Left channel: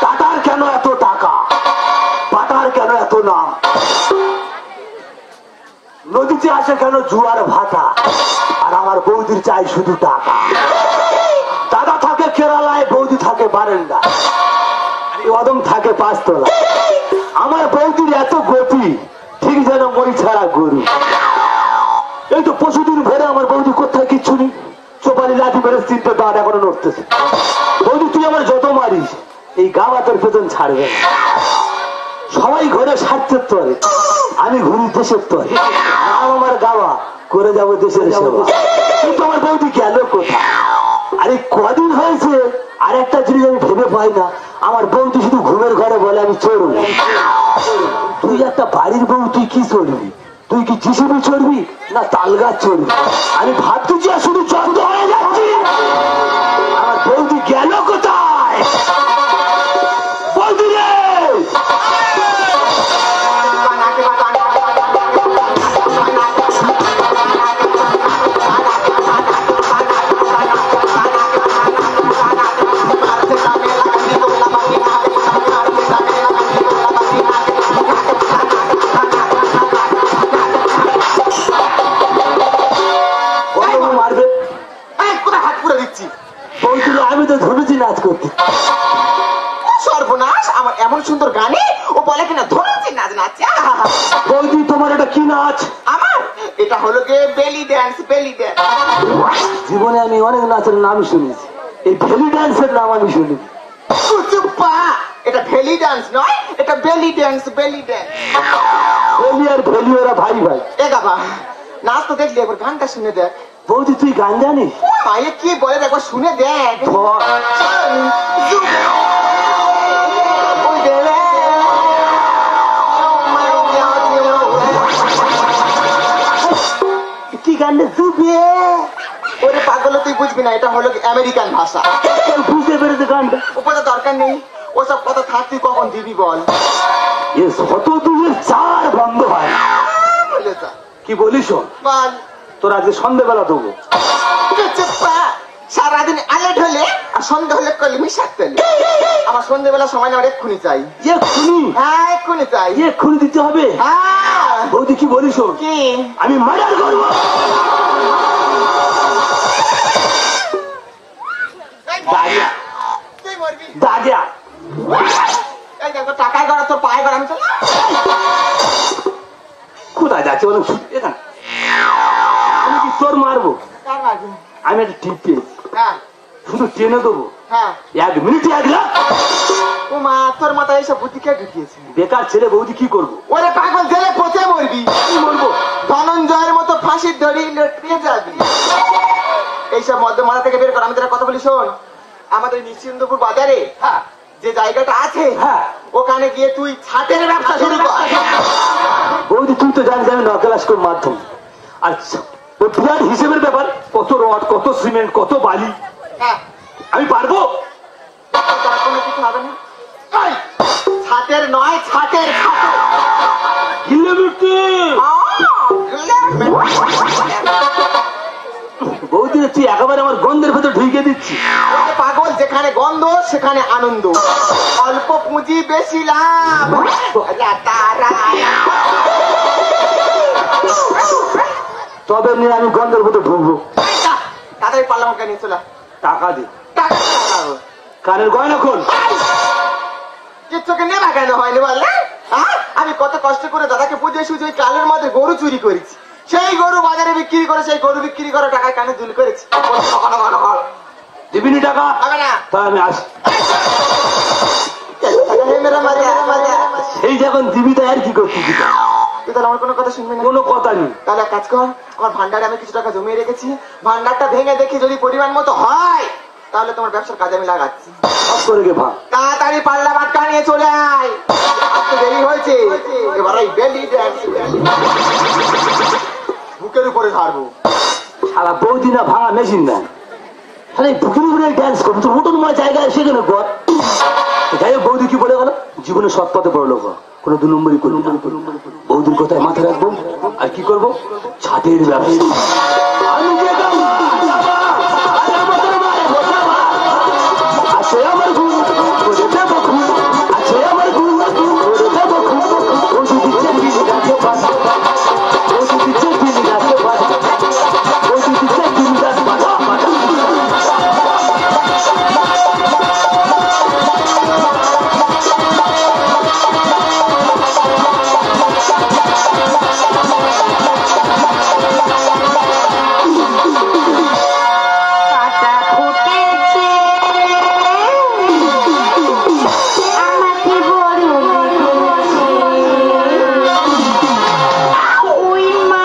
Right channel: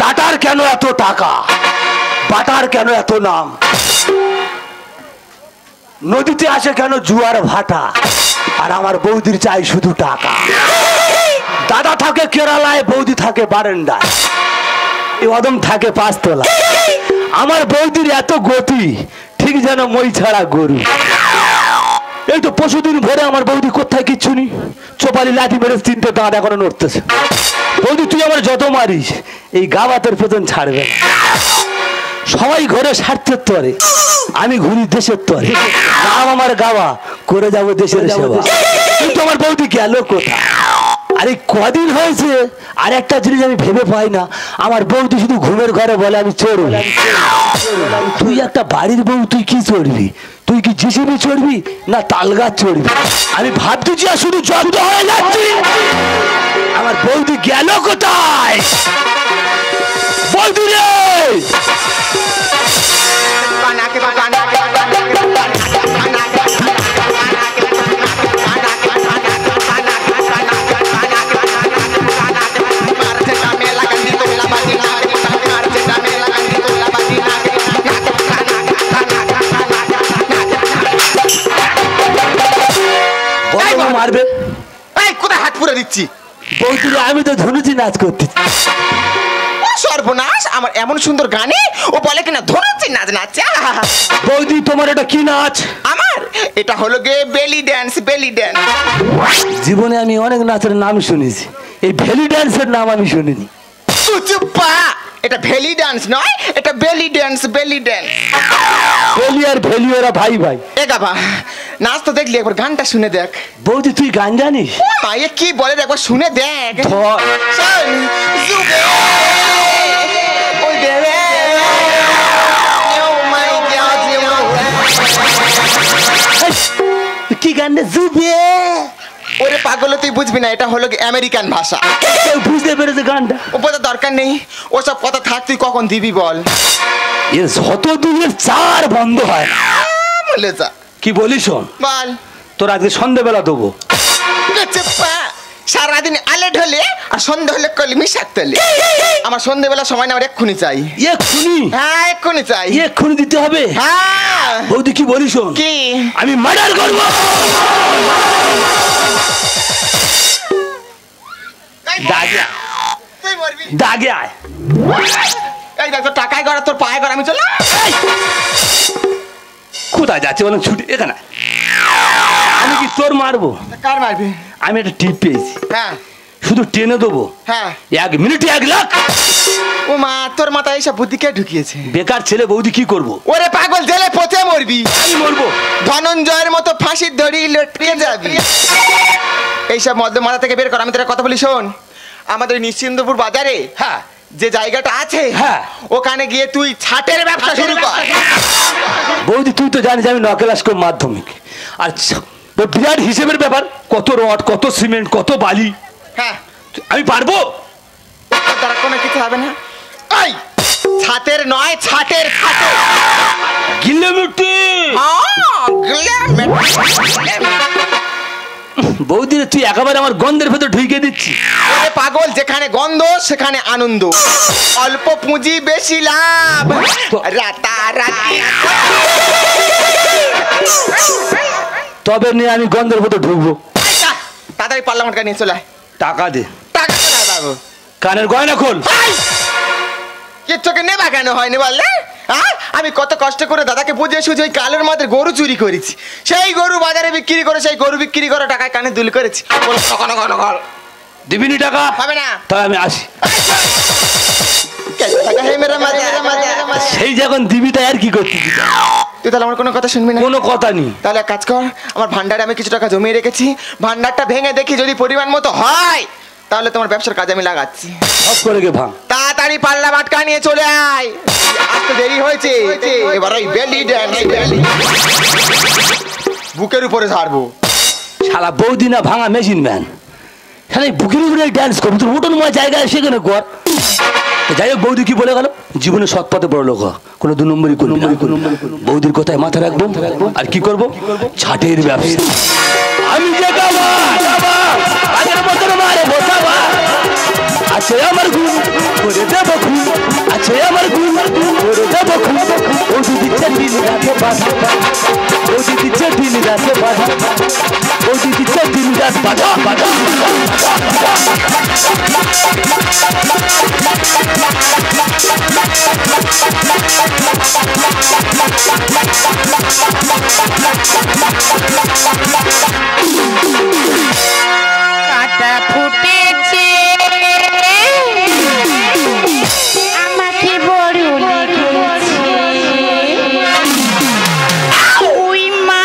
টাটার কেন এত টাকা, বাটার কেন এত নাম, নদীতে আসে কেন জোয়ার ভাটা, আর আমার বৌদির চাই শুধু টাকা। দাদা থাকে কেরালায়, বৌদি থাকে বারান্দায়, এই অদম থাকে পাঁচতলা। আমার বৌদির এত গতি ঠিক যেন মই ছাড়া গরু। এই তো পশুদিন ভরে আমার বৌদি কোথায় কিচ্ছু নেই, চোপালি লাঠি মেরে 3টে দাঁত এখনো নড়তেছে। বৌদি তুই আমার যত মারিস এই গাওয়া তোর পেছন ছাড়বে। সবাই ঘরে স্বার্থের তরে, আমি ঘুরি দেশের তরে। আমার গাওয়া করে যাবো দেশের সেবা, কিন্তু আমার বৌদি গেল কোথায়? আরে কদিন হয়েছে, আর একটা জিনিস আমি ভেবে পাই না, আমার বৌদি শুধু ঘুমের ঘরে বলে আমি চড়ব। তুই একটা বাড়ির বউ, তুই কি চড়বি? তুই কি জিসিবি চড়বি না তাল গাছ চড়বি? আমি ভাবতেছি আর শুধু জব্দ হয়ে যাচ্ছি। আমার বৌদি গেল কোথায়? বৌদি রে! মারবে কোথায় হাত পুরো দিচ্ছি? আমি তো ধনুচি নাচ করতে। সর্বনাশ, আমার এমন সুন্দর গানে ও বলে কিনা ধনুচি নাচ নাচে। বৌদি তোমার এটা কি নাচ? আমার এটা হলো গে বেলি ড্যান্স। বেলি ড্যান্স জীবনে আমি অনেক নাচের নাম শুনেছি, এই বেলি ড্যান্সের নাম আমি শুনিনি। চুপা, এটা বেলি ড্যান্স নয়, এটা বেলি ড্যান্স। বেলি ড্যান্স। বেলি আর বেলি ওরা ভাই ভাই। এ বাবা, নাচ তো দেখলি, একবার গানটা শুনে দেখ। বৌদি তুই গান জানিস? মায়ে কি বলে একবার শুনে দেখ। কি গান? ওরে পাগল, তুই বুঝবি না, এটা হলো আমেরিকান ভাষা। বুঝতে পেরেছে গানটা? ওপরে দরকার নেই, ওসব কথা থাক, তুই কখন দিবি বল? যত দূরের চার বন্ধ হয়। কি বলিস বল? তোর আজকে সন্ধ্যেবেলা দেবো। সারাদিন আলেট হলে আর সন্ধ্যে হলে কলমি শাক তোলে। আমার সন্ধ্যেবেলা সময় না, এক্ষুনি চাই। এক্ষুনি? হ্যাঁ, এক্ষুনি চাই। এক্ষুনি দিতে হবে? হ্যাঁ। বৌদি কি বলিস? কি? আমি মার্ডার করবো। দাগে আয়। এই দেখ, তোর টাকায় গড়া, তোর পায়ে গড়া, আমি চলে। কোথায় যাচ্ছে বলো? ছুটি এখানে। আমি কি তোর মারবো? কার মারবি? আমি একটা টিপ পেয়েছি। হ্যাঁ, শুধু টেনে দেবো। হ্যাঁ, 1 মিনিটে 1 লাখ। ও মা, তোর মাথায় এসব বুদ্ধি কে ঢুকিয়েছে? বেকার ছেলে, বৌদি কি করবো? ওরে পাগল, জেলে পচে মরবি। কি বলবো? ধনঞ্জয়ের মতো ফাঁসির দড়ি লটকে যাবি। এইসব মধ্য মাথা থেকে বের কর। আমি তোর কথা বলি শোন, আমাদের নিশ্চিন্দপুর বাজারে হ্যাঁ যে জায়গাটা আছে, হ্যাঁ, ওখানে গিয়ে তুই ছাটের ব্যবসা শুরু কর। বৌদি তুই তো জানিস আমি নকেলাস কোন মাধ্যমিক। আচ্ছা, ওই বিরাট হিসেবের ব্যাপার, কত রড, কত সিমেন্ট, কত বালি। হ্যাঁ, আমি পারবো। তার কোনো কিছু হবে না। এই ছাতের নয়, ছাটের। গিলেমিটি। বৌদি তুই একেবারে আমার গন্ধের ভেতর ঢুকে দিচ্ছি। পাগল, যেখানে গন্ধ সেখানে আনন্দ। অল্প পুঁজি বেশি লাভ। তবে নিয়ে আমি গন্ধের ভেতর ঢুকবো। তাড়াতাড়ি পার্লামেন্টকে নিয়ে চলে। টাকা দে। টাকা কানের গয়না খোল। কিচ্ছুকে নেবা কেন হয়নি বললে? আমি কত কষ্ট করে দাদাকে বুঝিয়ে সুঝে ওই কালের মধ্যে গরু চুরি করেছি। সেই গরু বাজারে বিক্রি করে, সেই গরু বিক্রি করে টাকা কানে দুল করেছি। দিবিনি টাকা? হবে না। তাই আমি আসি। সেই যখন দিবি তাই আর কি করতে তুই তাহলে আমার কোনো কথা শুনবি না? কোনো কথা নেই। তাহলে এক কাজ কর, আমার ভান্ডারে আমি কিছু টাকা জমিয়ে রেখেছি, ভান্ডারটা ভেঙে দেখি যদি পরিমাণ মতো হয় তাহলে তোমার ব্যবসার কাজে আমি লাগাচ্ছি। তাড়াতাড়ি পাল্লা বাটকা নিয়ে চলে আয়, আজ তো দেরি হয়েছে। এবার ওই বেলি ড্যান্স বুকের উপরে ঝাড়বো। শালা বৌদি না ভাঙা মেশিন ম্যান, খালি বুকের উপরে ড্যান্স করবো। তোর হোটেল তোমার জায়গায় সেখানে কর। যাই হোক, বৌদি কি বলে গেল, জীবনে সৎ পথে বড় লোক কোনো 2 নম্বরই করবি না। বৌদির কথায় মাথা রাখবো। আর কি করবো, ছাটের ব্যবসা। আমি যে আছে আমার ঘুম করে দেবো, ঘুম আছে আমার ঘুম করে দেবো, ঘুম ওষুধ দিচ্ছে দিন রাতে বাধা, ওষুধ দিচ্ছে দিন রাতে বাধা, ওষুধ দিচ্ছে দিন রাত বাধা বাধা। কাটা ফুটেছে আমাকে বড় লেগেছে, ওই মা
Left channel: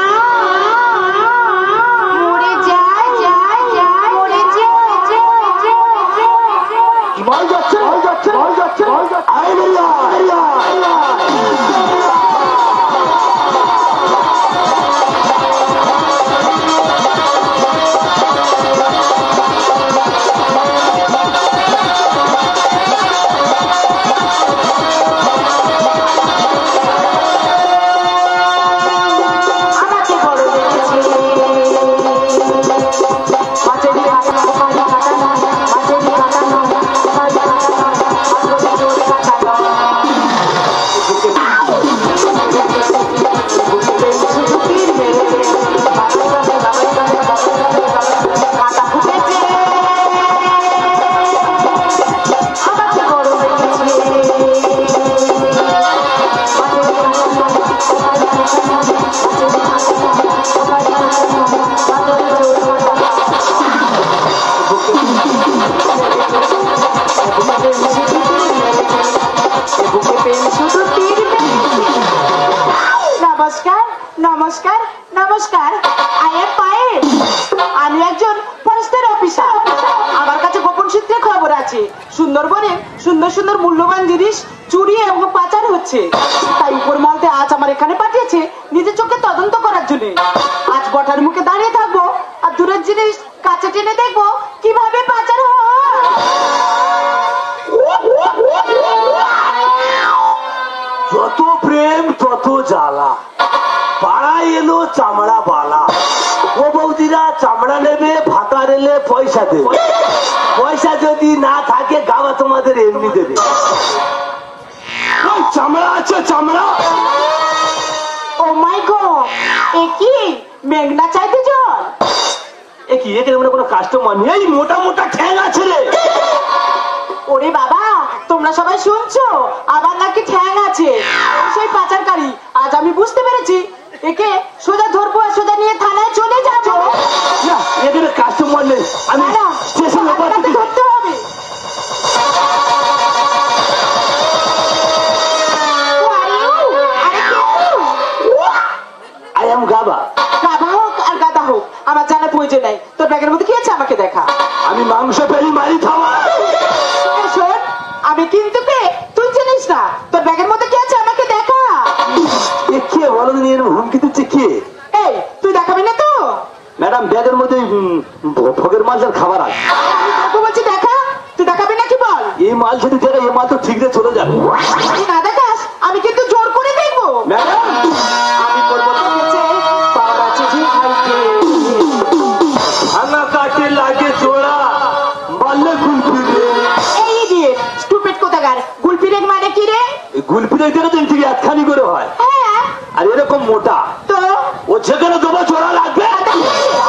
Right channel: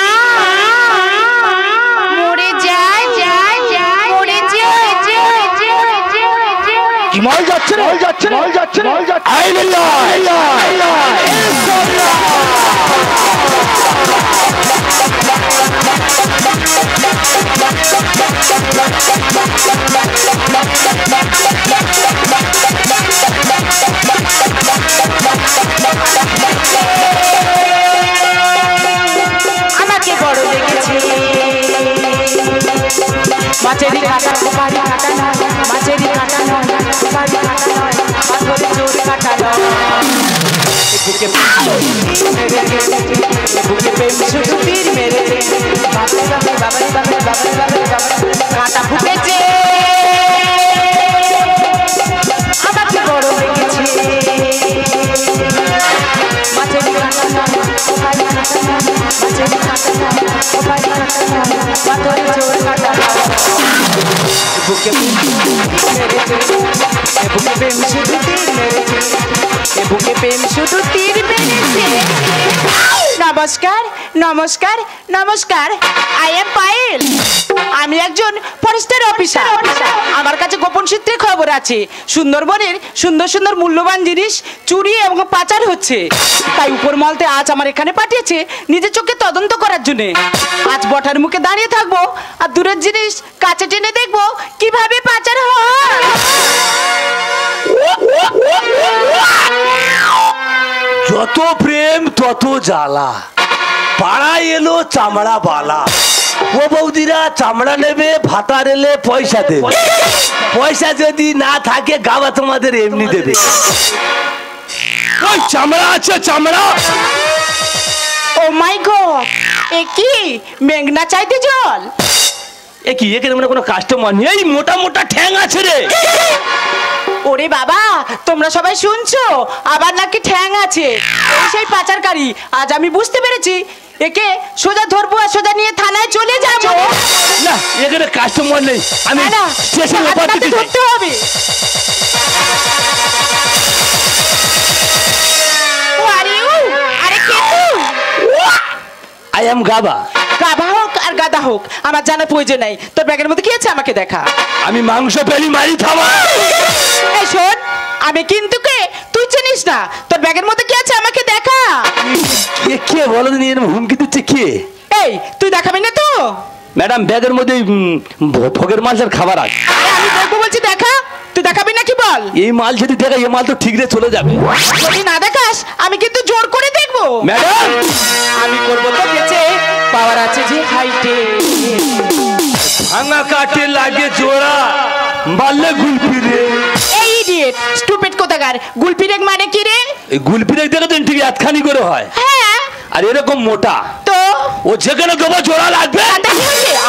মরে যায় যায় যায় মরে যায় যায় যায় যায়। কি মাল যাচ্ছে মাল যাচ্ছে মাল যাচ্ছে মাল যাচ্ছে। আমাকে বড় লেগেছে মাছেরই কাটা মাছেরই কাটা কাটা ফুটেছে আমাকে বড় লেগেছে নমস্কার নমস্কার নমস্কার, আই এম পায়েল। আমি একজন ফরেস্টের অফিসার। আমার কাছে গোপন সূত্রে খবর আছে সুন্দরবনের সুন্দর সুন্দর মূল্যবান জিনিস চুরি এবং পাচার হচ্ছে। তাই উপর মালতে আজ আমার এখানে পাঠিয়েছে নিজের চোখে তদন্ত করার জন্য। আজ বটার মুখে দাঁড়িয়ে থাকবো আর দূরের জিনিস কাছে টেনে দেখবো কিভাবে পাচার হয়। যত প্রেম তত জ্বালা, পাড়ায় এলো চামড়া বালা। ও বৌদিরা চামড়া নেবে, ভাতার এলে পয়সা দেবে, পয়সা যদি না থাকে গাওয়া তোমাদের এমনি দেবে। ওই চামড়া আছে চামড়া। ও মাই গড, এ কি মেঘনা চাইতে জল? এ কি এখানে কোনো কাস্টমার নেই? এই মোটা মোটা ঠ্যাং আছে রে। ওরে বাবা, তোমরা সবাই শুনছো আবার নাকি ঠ্যাং আছে? সেই পাচারকারী। আজ আমি বুঝতে পেরেছি, একে সোজা ধরবো আর সোজা নিয়ে থানায় চলে যাবো। না, এখানে কাস্টমার নেই। আমি না, স্টেশনে হাতে ধরতে হবে। আরে কে তুই? আই এম গাবা। গাধা হোক আর গাধা হোক আমার জানার প্রয়োজন নাই। তোর ব্যাগের মধ্যে কি আছে আমাকে দেখা। আমি মাংস পেরি মারি খাওয়া। এই শোন, আমি কিন্তু কে তুই চিনিস না। তোর ব্যাগের মধ্যে কি আছে আমাকে দেখা। কে বলো দিন, এর হুমকি দিচ্ছে কে? এই তুই দেখাবি না তো? ম্যাডাম, ব্যাগের মধ্যে ভোগের মাংসের খাবার আছে। আমি দেখবো বলছি, দেখা। তুই দেখাবি নাকি বল? এই মাল যদি দেখা, এই মাল তো ঠিক রে চলে যাবে। যদি না দেখাস আমি কিন্তু জোর করে দেখবো। ম্যাডাম, আমি করবো তোকে যে পাওয়ার আছে যে হাইটে। ভাঙা কাটে লাগে জোড়া, বাল্লে গুলপিরে। এই ইডিয়েট স্টুপিড কোথাকার। গুলপিরেক মানে কি রে? এই গুলপিরে দেখে তো ঠিক আটখানি করে হয়। হ্যাঁ আর এরকম মোটা, তো ও যেখানে দেবো জোড়া লাগবে।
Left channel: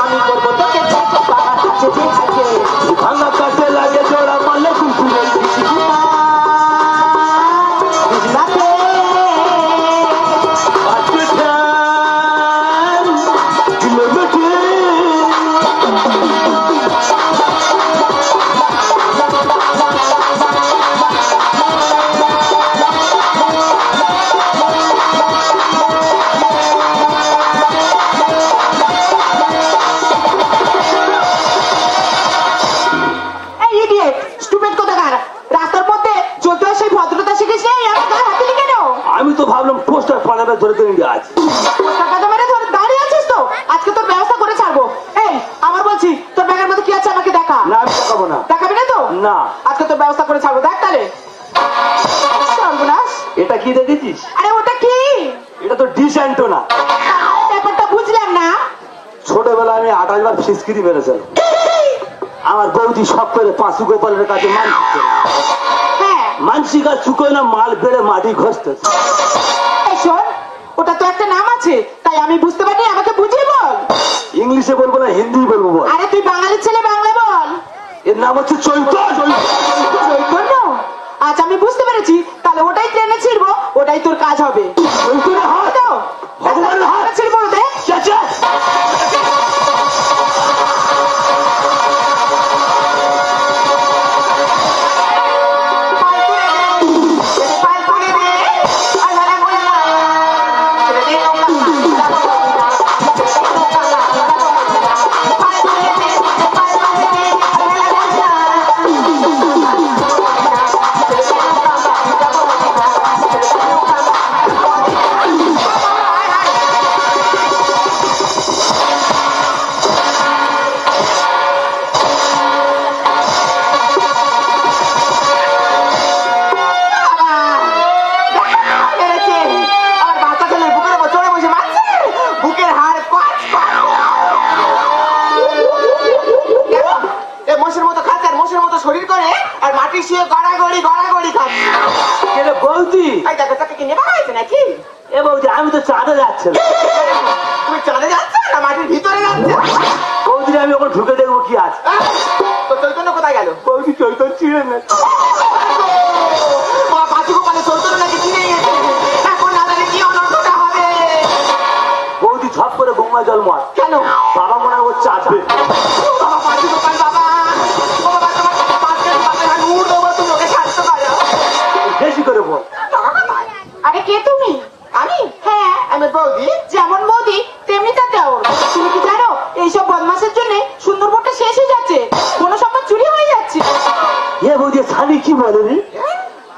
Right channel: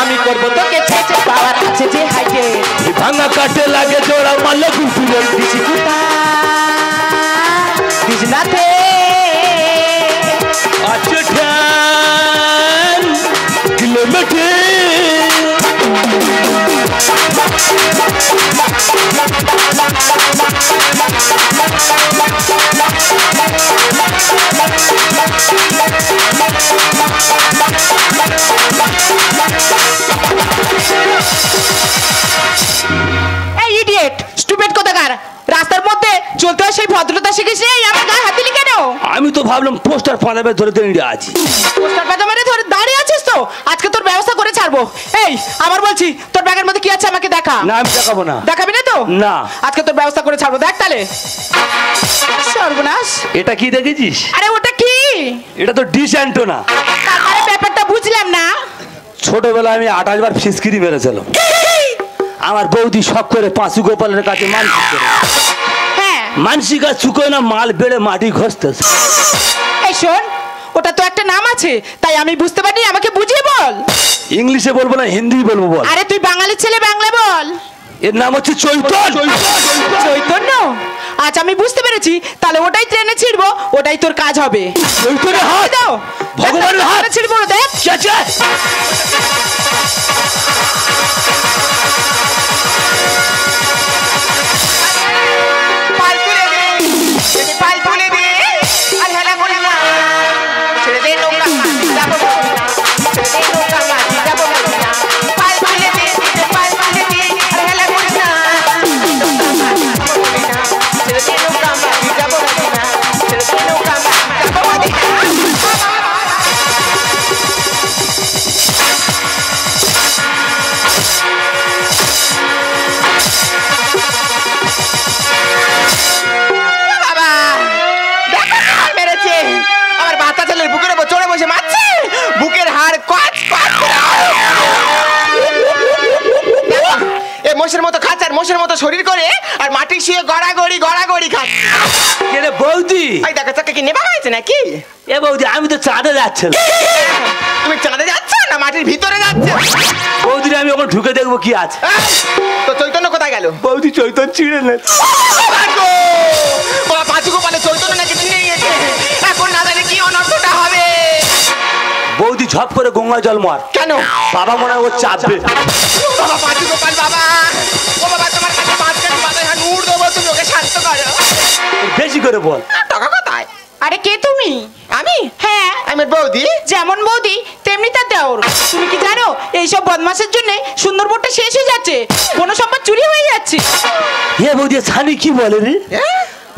আমি করবো তোকে যে পাওয়ার আছে যে হাইটে। ভাঙা কাটে লাগে জোড়া, বাল্লে গুলপিরে। বিজনাতে দেখাবো। এই আমার বলছি তোর ব্যাগের মধ্যে কি আছে আমাকে দেখা। না আমি দেখাবো না। দেখাবি না তো? না। আজকে তোর ব্যবস্থা করে ছাড়বো, দেখ তাহলে। সর্বনাশ। এটা কি দেখেছিস? আরে ওটা কি? এটা তো ডিশ অ্যান্টোনা। আরে ব্যাপারটা বুঝলাম না। ছোটবেলায় আমি 28 বার ফিসকিরি মেরেছিলাম। আমার বৌদি শখ করে পাঁচু গোপালের কাছে হ্যাঁ মানসিকা চুকো না মাল বেড়ে মাটি ঘষতেছে। এই শোন, ওটা তো একটা নাম আছে, তাই আমি বুঝতে পারিনি, আমাকে বুঝিয়ে বল। ইংলিশে বলবো না হিন্দি বলবো বল। আরে তুই বাঙালি ছেলে, বাংলা বল। এর নাম হচ্ছে চৈতন্য। চৈতন্য? আচ্ছা আমি বুঝতে পেরেছি, তাহলে ওটাই ট্রেনে ছিড়বো, ওটাই তোর কাজ হবে। চৈতন্যের হাত দাও, ভগবানের হাত ছিড়বো, দেখ। মোষের মতো শরীর করে আর মাটি শুয়ে গড়াগড়ি গড়াগড়ি খায়। এরে বৌদি, আই দেখা যাক কি নেবা হয়েছে নাকি? এ বৌদি আমি তো চাঁদে যাচ্ছি। তুমি চাঁদে যাচ্ছ না মাটির ভিতরে যাচ্ছ? বৌদি আমি ওখানে ঢুকে দেখবো কি আছে। তো চৈতন্য কোথায় গেল? বৌদি চৈতন্য ছিঁড়ে না। পাঁচু গোপালের চৈতন্য নাকি ছিঁড়ে গেছে। এখন না জানি কি অনর্থটা হবে। বৌদি ঝপ করে গঙ্গা জল মার। কেন? বাবা মনে হচ্ছে চাপবে। পাঁচু গোপাল বাবা, ও বাবা তোমার কাছে পাঁচটা বাবা নূর দেবো, তুমি ওকে শান্ত করো। বেশি করে বল। টাকা কোথায়? আরে কে তুমি? আমি? হ্যাঁ আমি বৌদি। যেমন বৌদি তেমনি তা দেওর। তুমি কি জানো এইসব বদমাশের জন্য সুন্দরবনটা শেষ হয়ে যাচ্ছে, কোনো সম্পদ চুরি হয়ে যাচ্ছে। এ বৌদি ছানি কি বলে রে?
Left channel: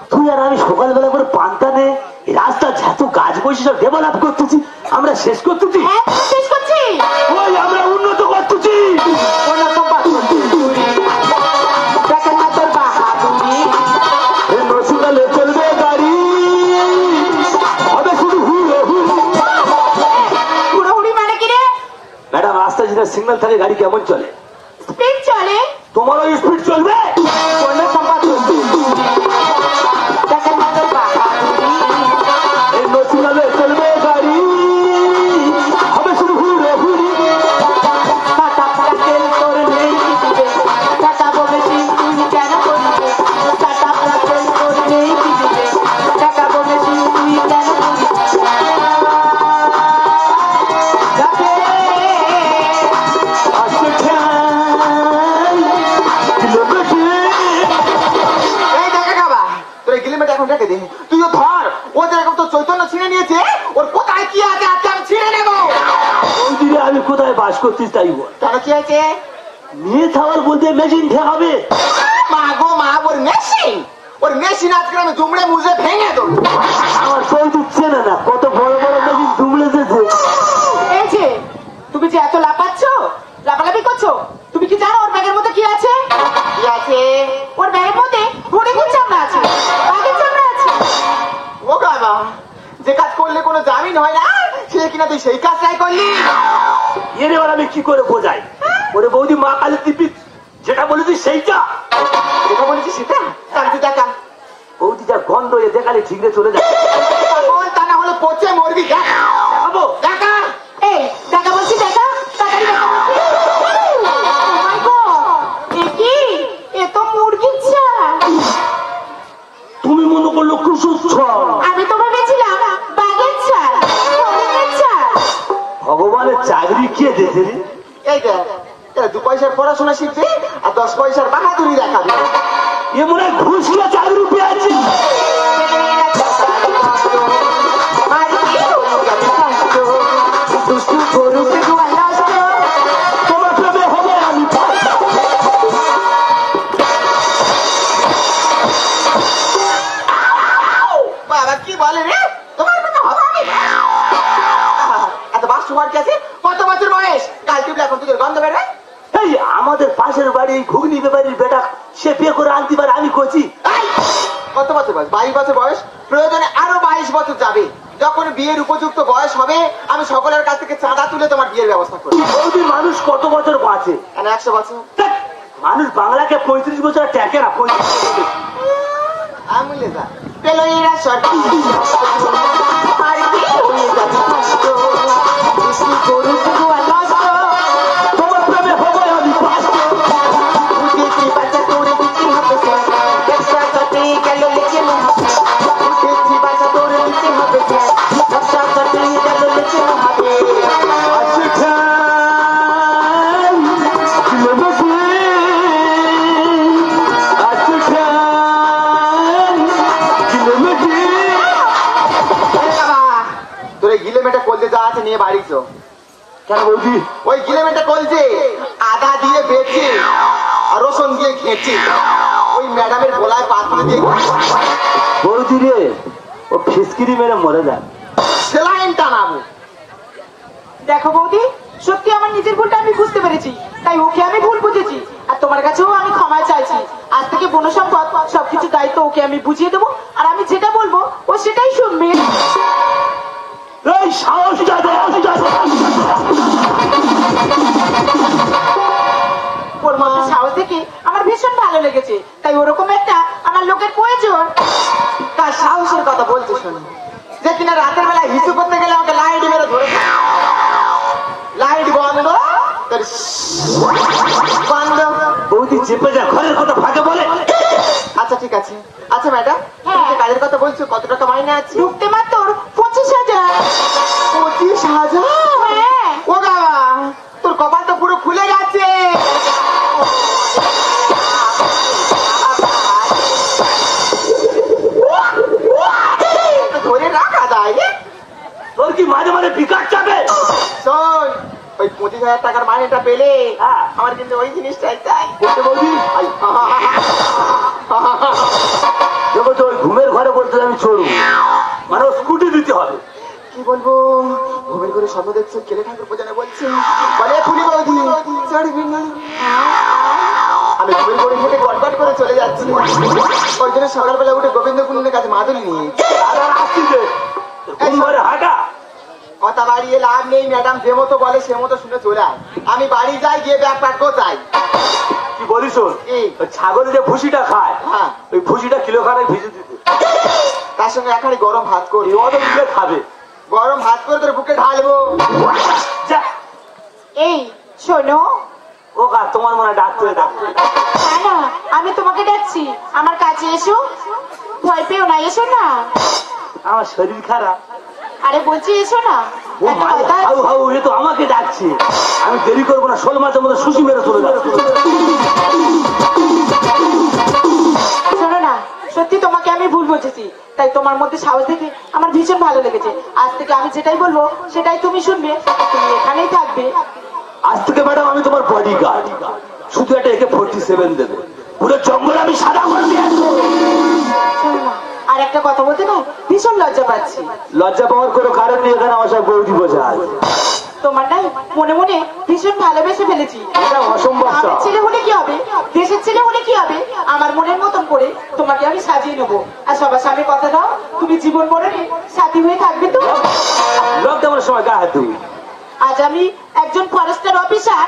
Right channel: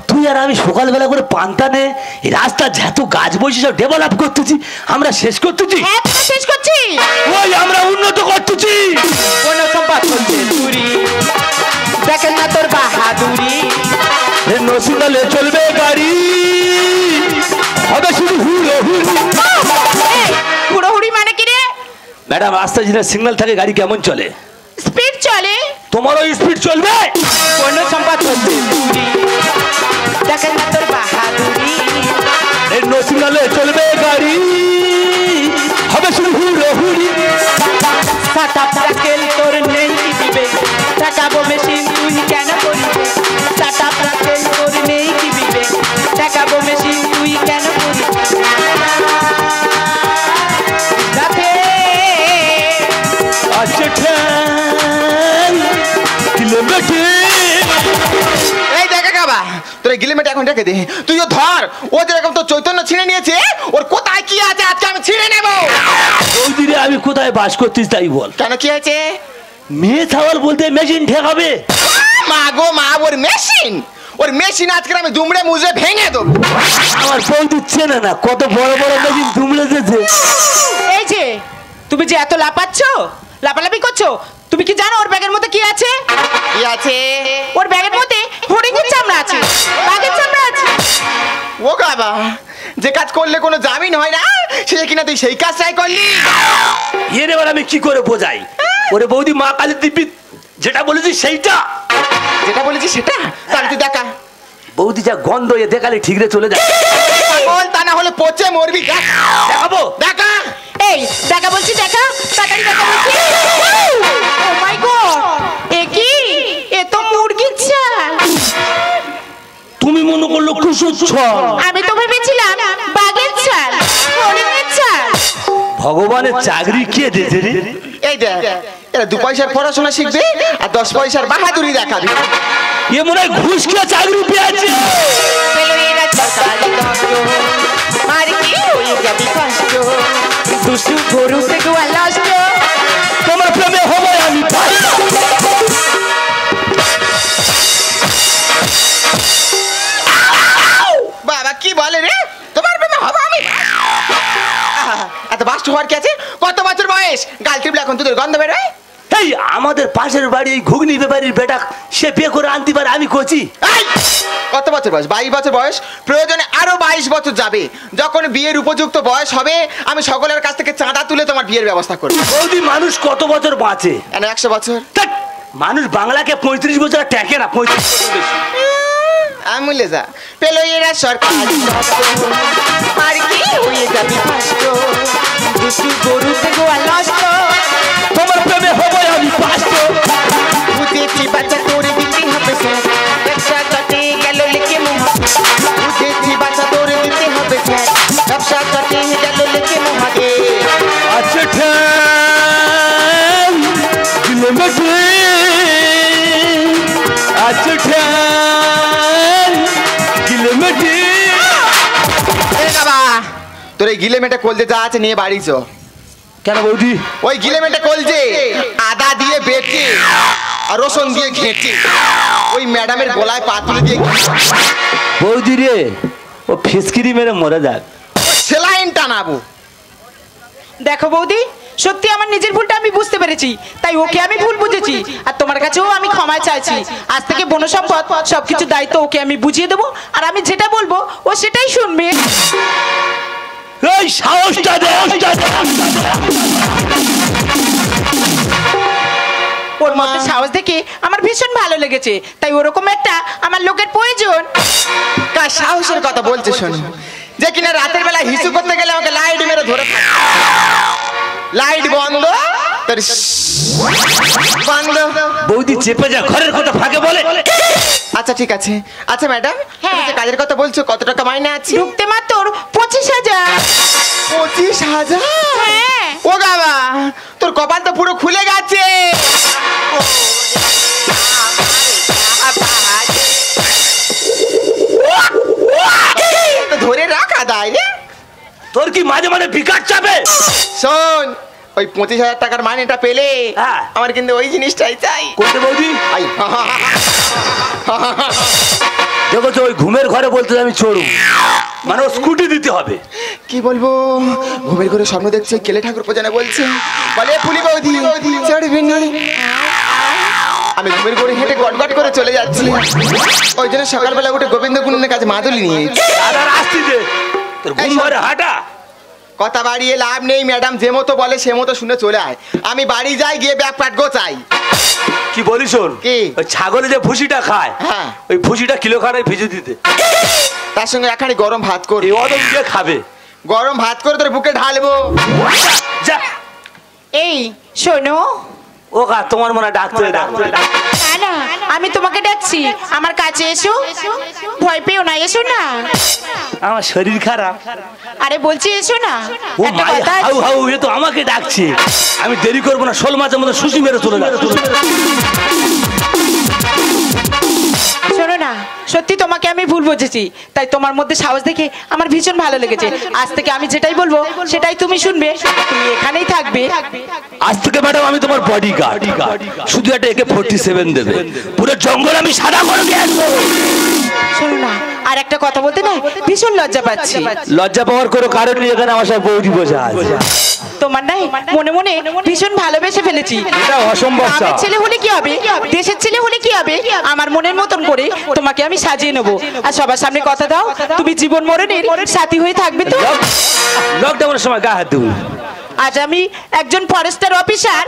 তুই আর আমি সকালবেলা করে পান্তা নে এই রাস্তা যত গাছ বসে সব ডেভেলপ করতেছি, আমরা শেষ করতেছি। হ্যাঁ তুমি শেষ করছি। ওই আমরা উন্নত করতেছি। কোনো সম্পদ চুরি দেখেন না তোর বাহাদুরি। এ নসুনালে চলবে গাড়ি, হবে শুধু হুড়ো হুড়ি। হুড়োহুড়ি মানে কি রে? ম্যাডাম রাস্তায় যেটা সিগন্যাল থাকে গাড়ি কেমন চলে? স্পিড চলে। তোমারও স্পিড চলবে। কোনো সম্পদ চুরি দেখেন না তোর বাহাদুরি। এ নসুনালে চলবে গাড়ি, হবে শুধু হুড়ো হুড়ি। সাটা প্লাকের তোর নেই কি দিবে, টাকা মেশিন তুই কেন করবি? সাটা প্লাকের তোর নেই কি দিবে, টাকা মেশিন তুই কেন করবি? রাতে আচ্ছা কিলোমিটার এই দেখা খাবা তোর গিলিমেটে এখন রেখে দে। তুইও ধর, ওদের এখন তো চৈতন্য ছিঁড়ে নিয়েছে, ওর কোথায় কি আছে আজকে আমি ছিঁড়ে নেবো। ওদিকে আমি কোথায় বাস করতিস তাই বল। কেন কি আছে? মেয়ে থাওয়ার বলতে মেশিন ঠেকাবে। মা গো মা, ওর মেশিন, ওর মেশিন আজকে আমি দুমড়ে মুজে ভেঙে দেবো। আমার ফোন দিচ্ছে না, না কত বড় বড় মেশিন দুমড়ে দিচ্ছে। এই যে তুমি যে এত লাপাচ্ছ, লাপালাপি করছো, তুমি কি জানো ওর ব্যাগের মধ্যে কি আছে? কি আছে? ওর ব্যাগের মধ্যে হরিণের চামড়া আছে, বাঘের চামড়া আছে। ও বাবা, যে কাজ করলে কোনো জামিন হয় না সে কিনা তুই সেই কাজটাই করলি। এর এবার আমি কি করে বোঝাই? ওরে বৌদি মা কালী দিব্যি যেটা বলেছি সেইটা। যেটা বলেছি সেটা? তাহলে তুই দেখা। বৌদি যা গন্ধ এ দেখালে ঠিক রে চলে যায়। কোন তা না হলে পচে মরবি। দেখাবো। দেখা। এই দেখা বলছি, দেখা টাকাই দেখা বলছি। ও মাই গড, এ কি? এ তো মুরগির চাল। তুমি মনে করলো কুসুর ছল। আমি তো ভেবেছিলাম বাঘের চাল, হরিণের চাল। ভগবানের চাকরি কে দিয়েছে রে? এই দেখ, এরা 2 পয়সার পড়াশোনা শিখবে আর 10 পয়সার বাহাদুরি দেখাবে। এ মনে হয় ঘুষ কিনা চাকরি পেয়েছে। আর কি হয়ে যাবে কষ্ট, দুষ্টু গরুকে গোয়ালাষ্ট। তোমার প্রেমে হবে আমি পাই। বাবা কি বলে রে? তোমার প্রেমে হবে আমি? এত বাস্ট হওয়ার কি আছে? কত বছর বয়স? গাল টিপলে এখন দুধের গন্ধ বেরোয়? এই আমাদের পাশের বাড়ি এই ঘুগনি ব্যাপারীর বেটা সে বিয়ে করে আনতে পারে, আমি করছি। এই, কত বছর বয়স? 22 বছর বয়স। প্রয়োজনে আরো 22 বছর যাবে। যখন বিয়ের উপযুক্ত বয়স হবে আমি সকলের কাছ থেকে চাঁদা তুলে তোমার বিয়ের ব্যবস্থা করবো। বৌদি মানুষ কত বছর বাঁচে? 100 বছর। ধ্যাৎ, মানুষ বাংলাকে 35 বছর টেকে না, 35 বছর বেশি। আমি যা পেলো এরা সরকার আর কি হয়ে যাবে কষ্ট দুটি গরু থেকে নষ্ট তোমার প্রেমে হবে আমি পাষ্ট বুঝেছি বাচ্চা তোরে দিতে হবে সে ব্যবসা কাটে গেল লিখে বুঝেছি বাচ্চা তোরে দিতে হবে সে ব্যবসা কাটে গেল লিখে ভাগে আচ্ছা ঠাম লিমিটে আচ্ছা ঠাম লিমিটে তোর এই গিলে মেটে কলজে যা আছে নিয়ে বাড়ি চো। কেন বৌদি? ওই গিলে মেটে কলজে আদা দিয়ে বেটে আর রসুন দিয়ে ঘেটে ওই ম্যাডামের গলায় পাতুলে দিয়ে বৌদি রে, ও ফিসকিরি মেরে মরে যাক। সেলাইন টানাবো। দেখো বৌদি, সত্যি আমার নিজের ভুলটা আমি বুঝতে পেরেছি, তাই ওকে আমি ভুল বুঝেছি আর তোমার কাছেও আমি ক্ষমা চাইছি। আজ থেকে বনসম্পদ সবকিছু দায়িত্ব ওকে আমি বুঝিয়ে দেবো, আর আমি যেটা বলবো ও সেটাই শুনবে। এই সাহসটা দে, ওর মধ্যে সাহস দেখে আমার ভীষণ ভালো লেগেছে, তাই ওরকম একটা আমার লোকের প্রয়োজন। কার সাহসের কথা বলছে শোনো, যে কিনা রাতের বেলা হিসু করতে গেলে আমাকে লাইট মেরে ধরে লাইট বন্ধ তার বন্ধ। বৌদি চেপে যা, ঘরের কথা ফাঁকে বলে। আচ্ছা ঠিক আছে। আচ্ছা ম্যাডাম, হ্যাঁ। যে কাজের কথা বলছো কত টাকা মাইনে আছে? ঢুকতে মাত্র 25,000। 25,000? হ্যাঁ। ও বাবা, তোর কপাল তো পুরো খুলে গেছে। ধরে রাখা দায় রে। তোর কি মাঝে মাঝে বিকাশ চাপে? শোন, ওই 25,000 টাকার মাইনেটা পেলে হ্যাঁ। আমার কিন্তু ওই জিনিসটাই চাই। কোথায় বৌদি? আই, দেখো তো, ওই ঘুমের ঘরে বলতে আমি চলবো, মানে স্কুটি দিতে হবে। কি বলবো, ঘুমের ঘরে স্বপ্ন দেখছে কেলে ঠাকুর পূজনে বলছে বলে ফুলি বৌদি চড়বেন না। আমি ঘুমের ঘরে হেঁটে গটগট করে চলে যাচ্ছি, ওই জন্য সকালবেলা উঠে গোবিন্দ গুণনের কাছে মাদুলি নিয়ে আসছি যে তোর ঘুম ঘরে হাঁটা। কথা বাড়িয়ে লাভ নেই, ম্যাডাম যে মতো বলে সে মতো শুনে চলে আয়। আমি বাড়ি যাই, গিয়ে ব্যাগ প্যাক গোছাই। কি বলিস? ওর কি? ওই ছাগলে যে ভুসিটা খায়, হ্যাঁ। ওই ভুসিটা কিলো খানে ভেজে দিতে, তার সঙ্গে একখানি গরম ভাত এই করবি। অনেক দিয়ে খাবে। গরম ভাত করে তোর বুকে ঢালবো। যা। এই শোনো, ও গা, তোমার মনে হয় ডাক্তারে ডাক্তার। কেন আমি তোমাকে ডাকছি, আমার কাছে এসো, ভয় পেও না, এসো না। আমার শরীর খারাপ। আরে বলছি এসো না, ও একটা ভাই, কথা হাউ আছে। হাউ, এ তো আমাকে ডাকছে। আমি দেরি করবো না, শোল মাছের মধ্যে সুসি মেরে চলে যাবে। শোনো না, সত্যি তোমাকে আমি ভুল বুঝেছি, তাই তোমার মধ্যে সাহস দেখে আমার ভীষণ ভালো লেগেছে। আজ থেকে আমি যেটাই বলবো সেটাই তুমি শুনবে, তুমি এখানেই থাকবে। আজ থেকে ম্যাডাম আমি তোমার বডি গার্ড, শুধু একটা AK-47 দেবে, পুরো জঙ্গল আমি সাদা করে দিয়ে আসবো। শোনো না, আর একটা কথা বলতে না ভীষণ লজ্জা পাচ্ছি। লজ্জা পাওয়ার কোনো কারণ নেই, এখানে আমার সাথে বৌদি বসে আছে। তোমার নাই মনে মনে ভীষণ ভালোবেসে ফেলেছি। এটা অসম্ভব। আমার ছেলে হলে কি হবে, দেশের ছেলে হলে কি হবে, আমার মনের মতন করে তোমাকে আমি সাজিয়ে নেবো। আর সবার সামনে কথা দাও, তুমি জীবন মরণের সাথী হয়ে থাকবে তো? লকডাউনের সময় গা হাত দিন। আজ আমি একজন ফরেস্টার অফিসার,